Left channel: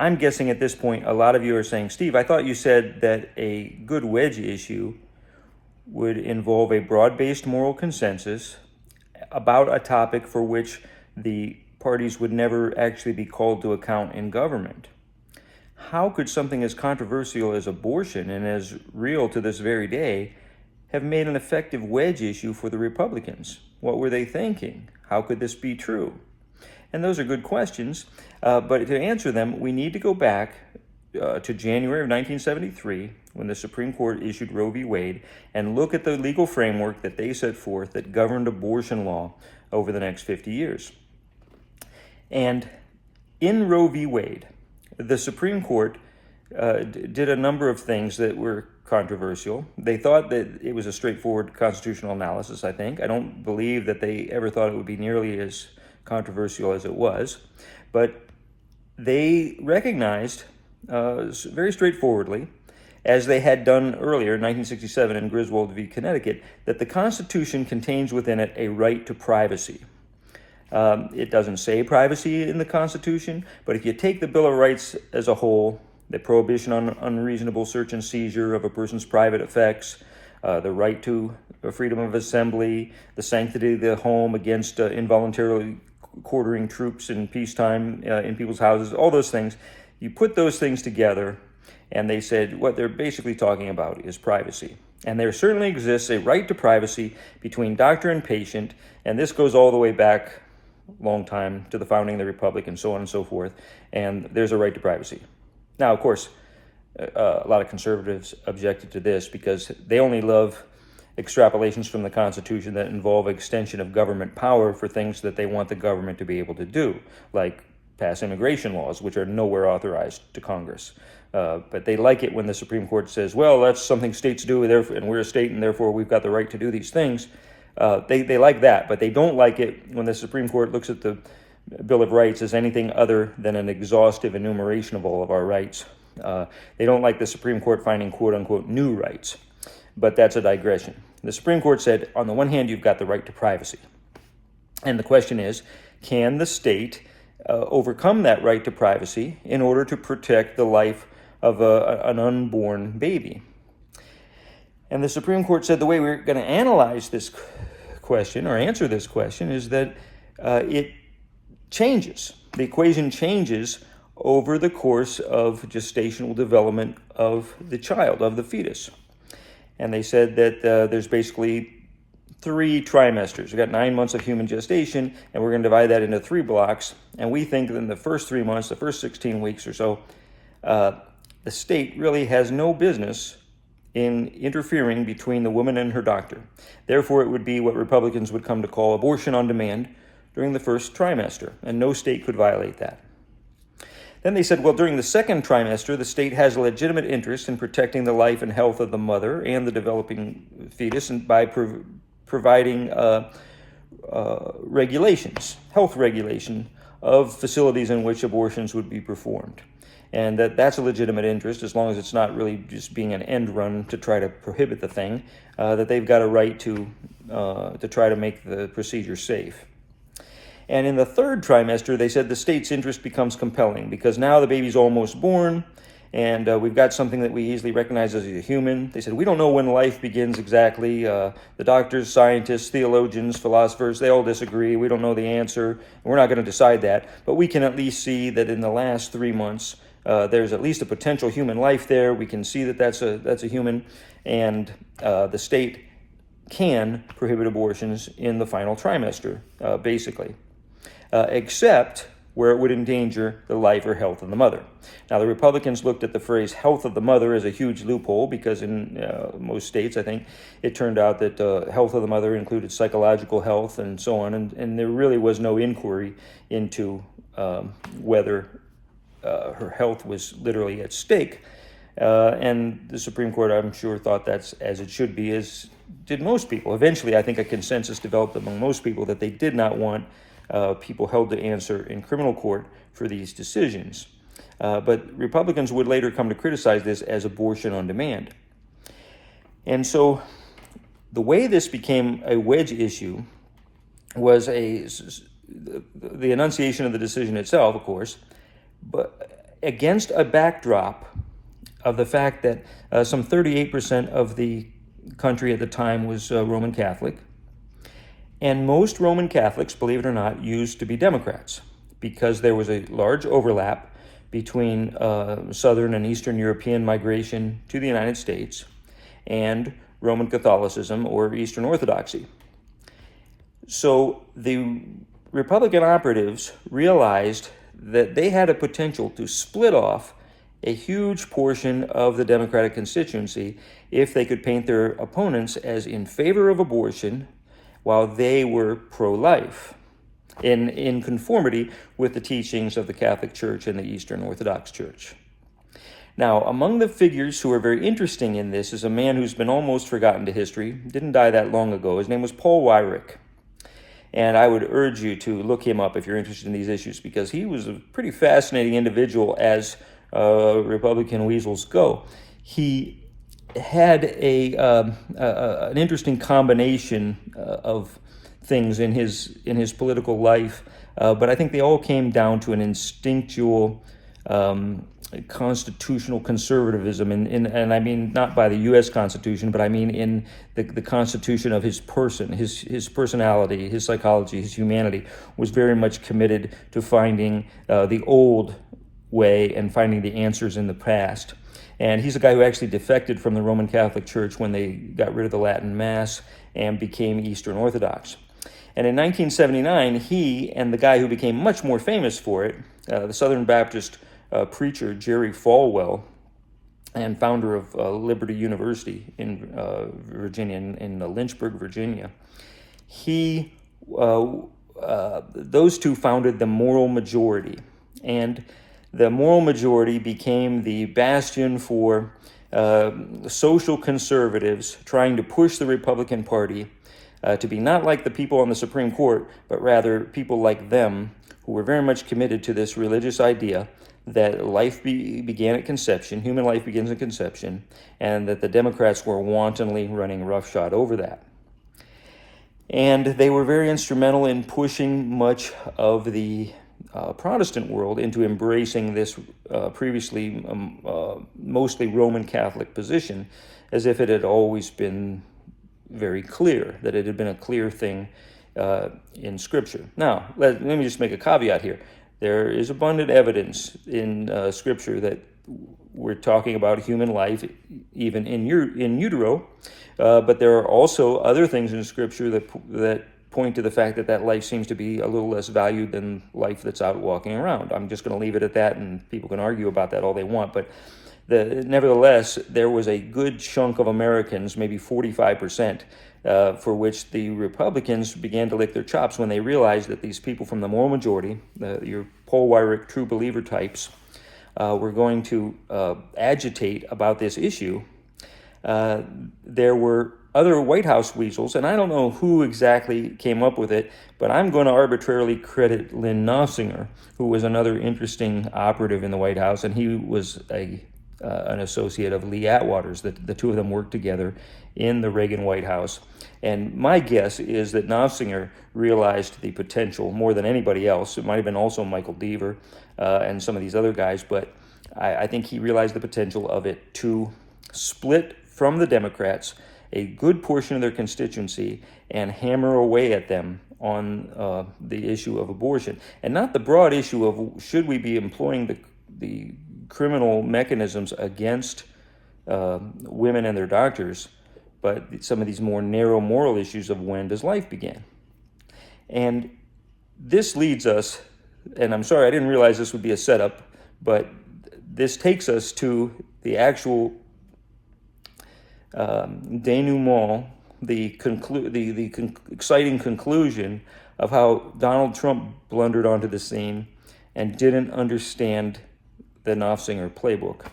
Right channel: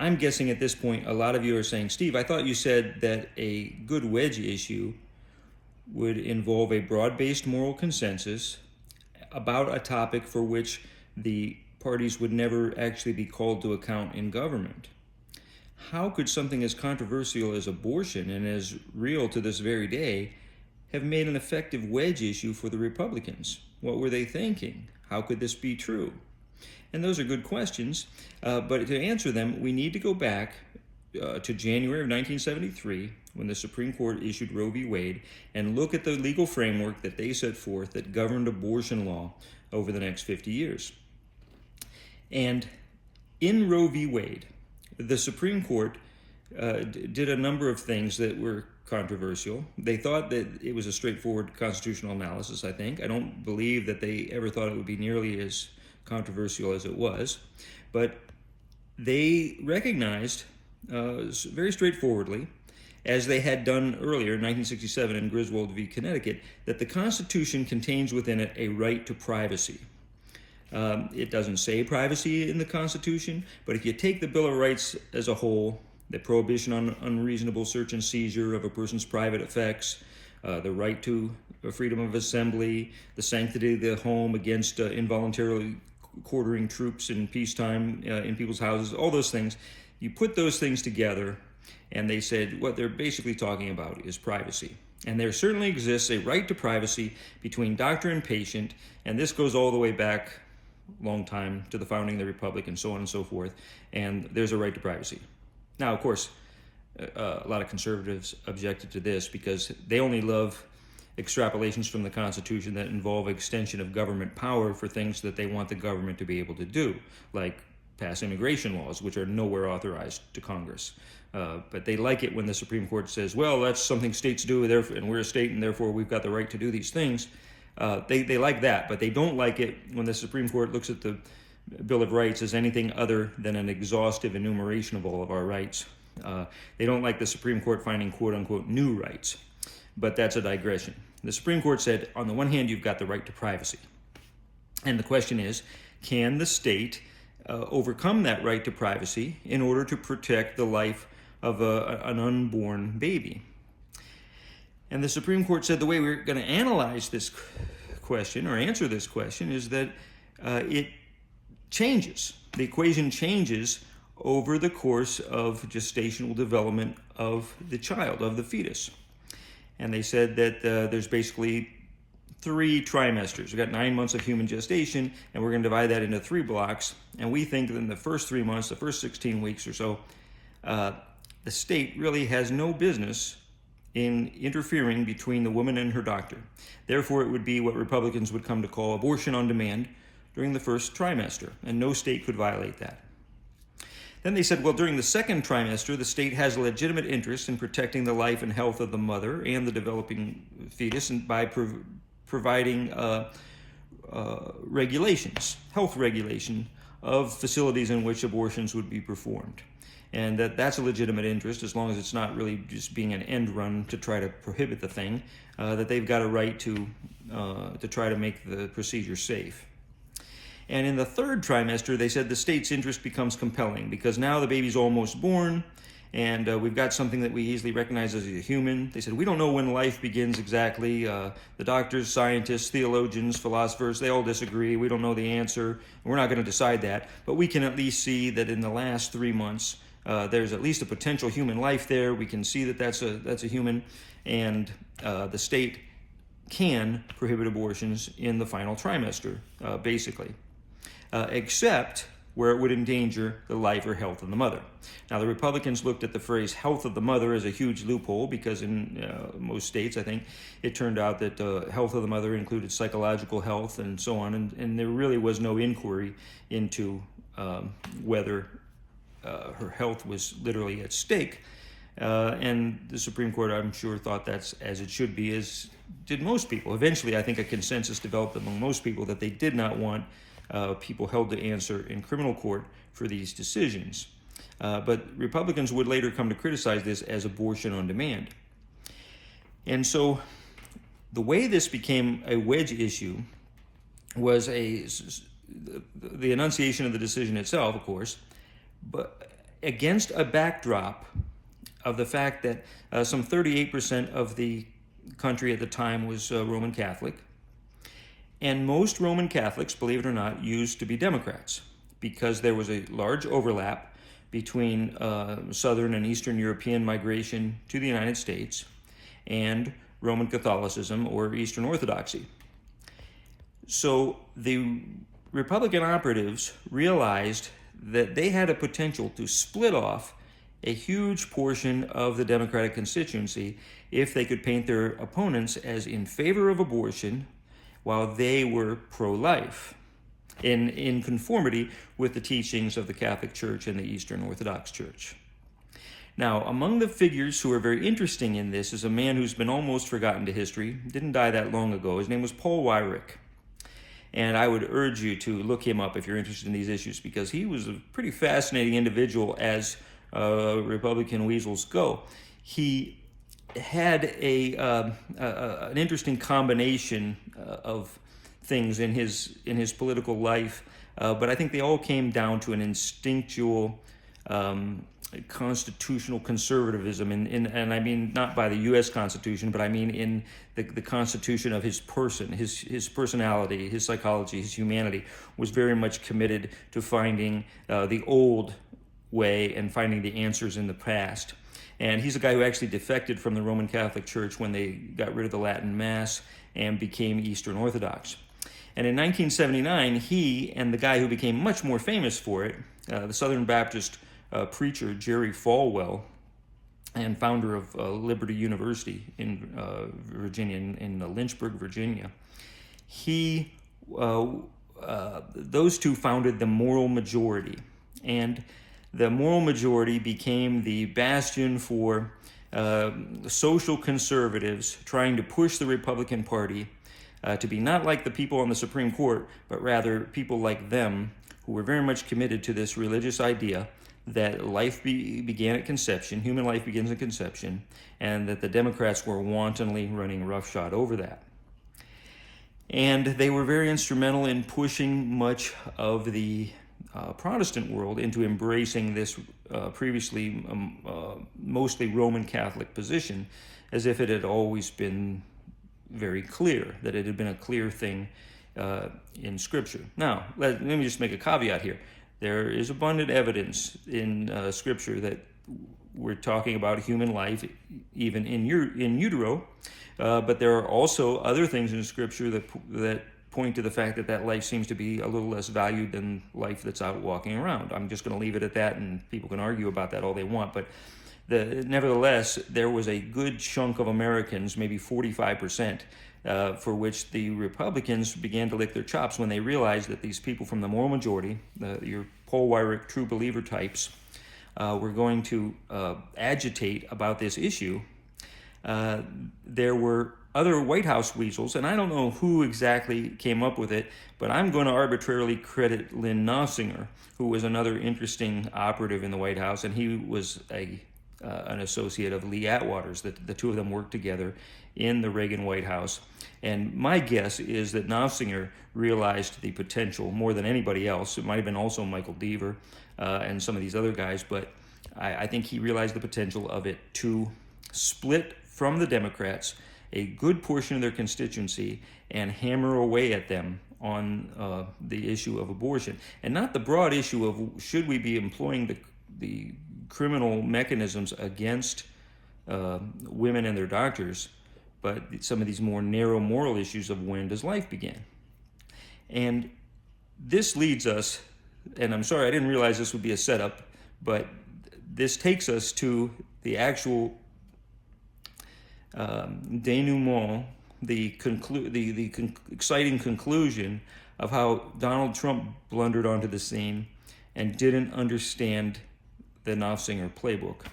I'm guessing at this point, a lot of you are saying, Steve, I thought you said that a good wedge issue would involve a broad-based moral consensus about a topic for which the parties would never actually be called to account in government. How could something as controversial as abortion and as real to this very day have made an effective wedge issue for the Republicans? What were they thinking? How could this be true? And those are good questions, but to answer them, we need to go back to January of 1973, when the Supreme Court issued Roe v. Wade, and look at the legal framework that they set forth that governed abortion law over the next 50 years. And in Roe v. Wade, the Supreme Court did a number of things that were controversial. They thought that it was a straightforward constitutional analysis, I think. I don't believe that they ever thought it would be nearly as controversial as it was. But they recognized very straightforwardly, as they had done earlier in 1967 in Griswold v. Connecticut, that the Constitution contains within it a right to privacy. It doesn't say privacy in the Constitution, but if you take the Bill of Rights as a whole, the prohibition on unreasonable search and seizure of a person's private effects, the right to freedom of assembly, the sanctity of the home against involuntarily quartering troops in peacetime in people's houses, all those things, you put those things together, and they said what they're basically talking about is privacy. And there certainly exists a right to privacy between doctor and patient, and this goes all the way back long time to the founding of the Republic and so on and so forth, and there's a right to privacy. Now, of course, a lot of conservatives objected to this because they only love extrapolations from the Constitution that involve extension of government power for things that they want the government to be able to do, like pass immigration laws, which are nowhere authorized to Congress. But they like it when the Supreme Court says, well, that's something states do, and we're a state, and therefore we've got the right to do these things. They like that, but they don't like it when the Supreme Court looks at the Bill of Rights as anything other than an exhaustive enumeration of all of our rights. They don't like the Supreme Court finding quote-unquote new rights, but that's a digression. The Supreme Court said, on the one hand, you've got the right to privacy. And the question is, can the state overcome that right to privacy in order to protect the life of an unborn baby? And the Supreme Court said the way we're going to analyze this question or answer this question is that it changes. The equation changes over the course of gestational development of the child, of the fetus. And they said that there's basically 3 trimesters. We've got 9 months of human gestation, and we're going to divide that into 3 blocks. And we think that in the first 3 months, the first 16 weeks or so, the state really has no business in interfering between the woman and her doctor. Therefore, it would be what Republicans would come to call abortion on demand during the first trimester, and no state could violate that. Then they said, well, during the second trimester, the state has a legitimate interest in protecting the life and health of the mother and the developing fetus, and by providing regulations, health regulation of facilities in which abortions would be performed. And that's a legitimate interest, as long as it's not really just being an end run to try to prohibit the thing, that they've got a right to try to make the procedure safe. And in the third trimester, they said the state's interest becomes compelling because now the baby's almost born, and we've got something that we easily recognize as a human. They said, we don't know when life begins exactly. The doctors, scientists, theologians, philosophers, they all disagree. We don't know the answer. We're not going to decide that. But we can at least see that in the last 3 months, there's at least a potential human life there. We can see that that's a human, and the state can prohibit abortions in the final trimester, basically. Except where it would endanger the life or health of the mother. Now, the Republicans looked at the phrase health of the mother as a huge loophole because in most states, I think, it turned out that health of the mother included psychological health and so on, and there really was no inquiry into whether her health was literally at stake. And the Supreme Court, I'm sure, thought that's as it should be, as did most people. Eventually, I think a consensus developed among most people that they did not want people held to answer in criminal court for these decisions. But Republicans would later come to criticize this as abortion on demand. And so the way this became a wedge issue was the enunciation of the decision itself, of course, against a backdrop of the fact that some 38% of the country at the time was Roman Catholic. And most Roman Catholics, believe it or not, used to be Democrats because there was a large overlap between Southern and Eastern European migration to the United States and Roman Catholicism or Eastern Orthodoxy. So the Republican operatives realized that they had a potential to split off a huge portion of the Democratic constituency if they could paint their opponents as in favor of abortion while they were pro-life, in conformity with the teachings of the Catholic Church and the Eastern Orthodox Church. Now, among the figures who are very interesting in this is a man who's been almost forgotten to history, didn't die that long ago. His name was Paul Weyrich. And I would urge you to look him up if you're interested in these issues, because he was a pretty fascinating individual as Republican weasels go. He had an interesting combination of things in his political life, but I think they all came down to an instinctual constitutional conservatism, and I mean not by the U.S. Constitution, but I mean in the constitution of his person, his personality, his psychology, his humanity was very much committed to finding the old way and finding the answers in the past. And he's a guy who actually defected from the Roman Catholic Church when they got rid of the Latin Mass and became Eastern Orthodox. And in 1979, he and the guy who became much more famous for it, the Southern Baptist preacher Jerry Falwell, and founder of Liberty University in Virginia, in Lynchburg, Virginia, those two founded the Moral Majority. And the Moral Majority became the bastion for social conservatives trying to push the Republican Party to be not like the people on the Supreme Court, but rather people like them who were very much committed to this religious idea that life began at conception, human life begins at conception, and that the Democrats were wantonly running roughshod over that. And they were very instrumental in pushing much of the Protestant world into embracing this previously mostly Roman Catholic position, as if it had always been very clear, that it had been a clear thing in Scripture. Now, let me just make a caveat here. There is abundant evidence in Scripture that we're talking about human life even in utero, but there are also other things in Scripture that point to the fact that life seems to be a little less valued than life that's out walking around. I'm just going to leave it at that, and people can argue about that all they want, but nevertheless, there was a good chunk of Americans, maybe 45%, for which the Republicans began to lick their chops when they realized that these people from the Moral Majority, your Paul Weyrich true believer types, were going to agitate about this issue. There were other White House weasels, and I don't know who exactly came up with it, but I'm going to arbitrarily credit Lynn Nossinger, who was another interesting operative in the White House, and he was an associate of Lee Atwater's. The two of them worked together in the Reagan White House. And my guess is that Nossinger realized the potential more than anybody else. It might have been also Michael Deaver and some of these other guys, but I think he realized the potential of it to split from the Democrats a good portion of their constituency and hammer away at them on the issue of abortion. And not the broad issue of should we be employing the criminal mechanisms against women and their doctors, but some of these more narrow moral issues of when does life begin. And this leads us, and I'm sorry, I didn't realize this would be a setup, but this takes us to the actual denouement, the exciting conclusion of how Donald Trump blundered onto the scene and didn't understand the Nossinger playbook.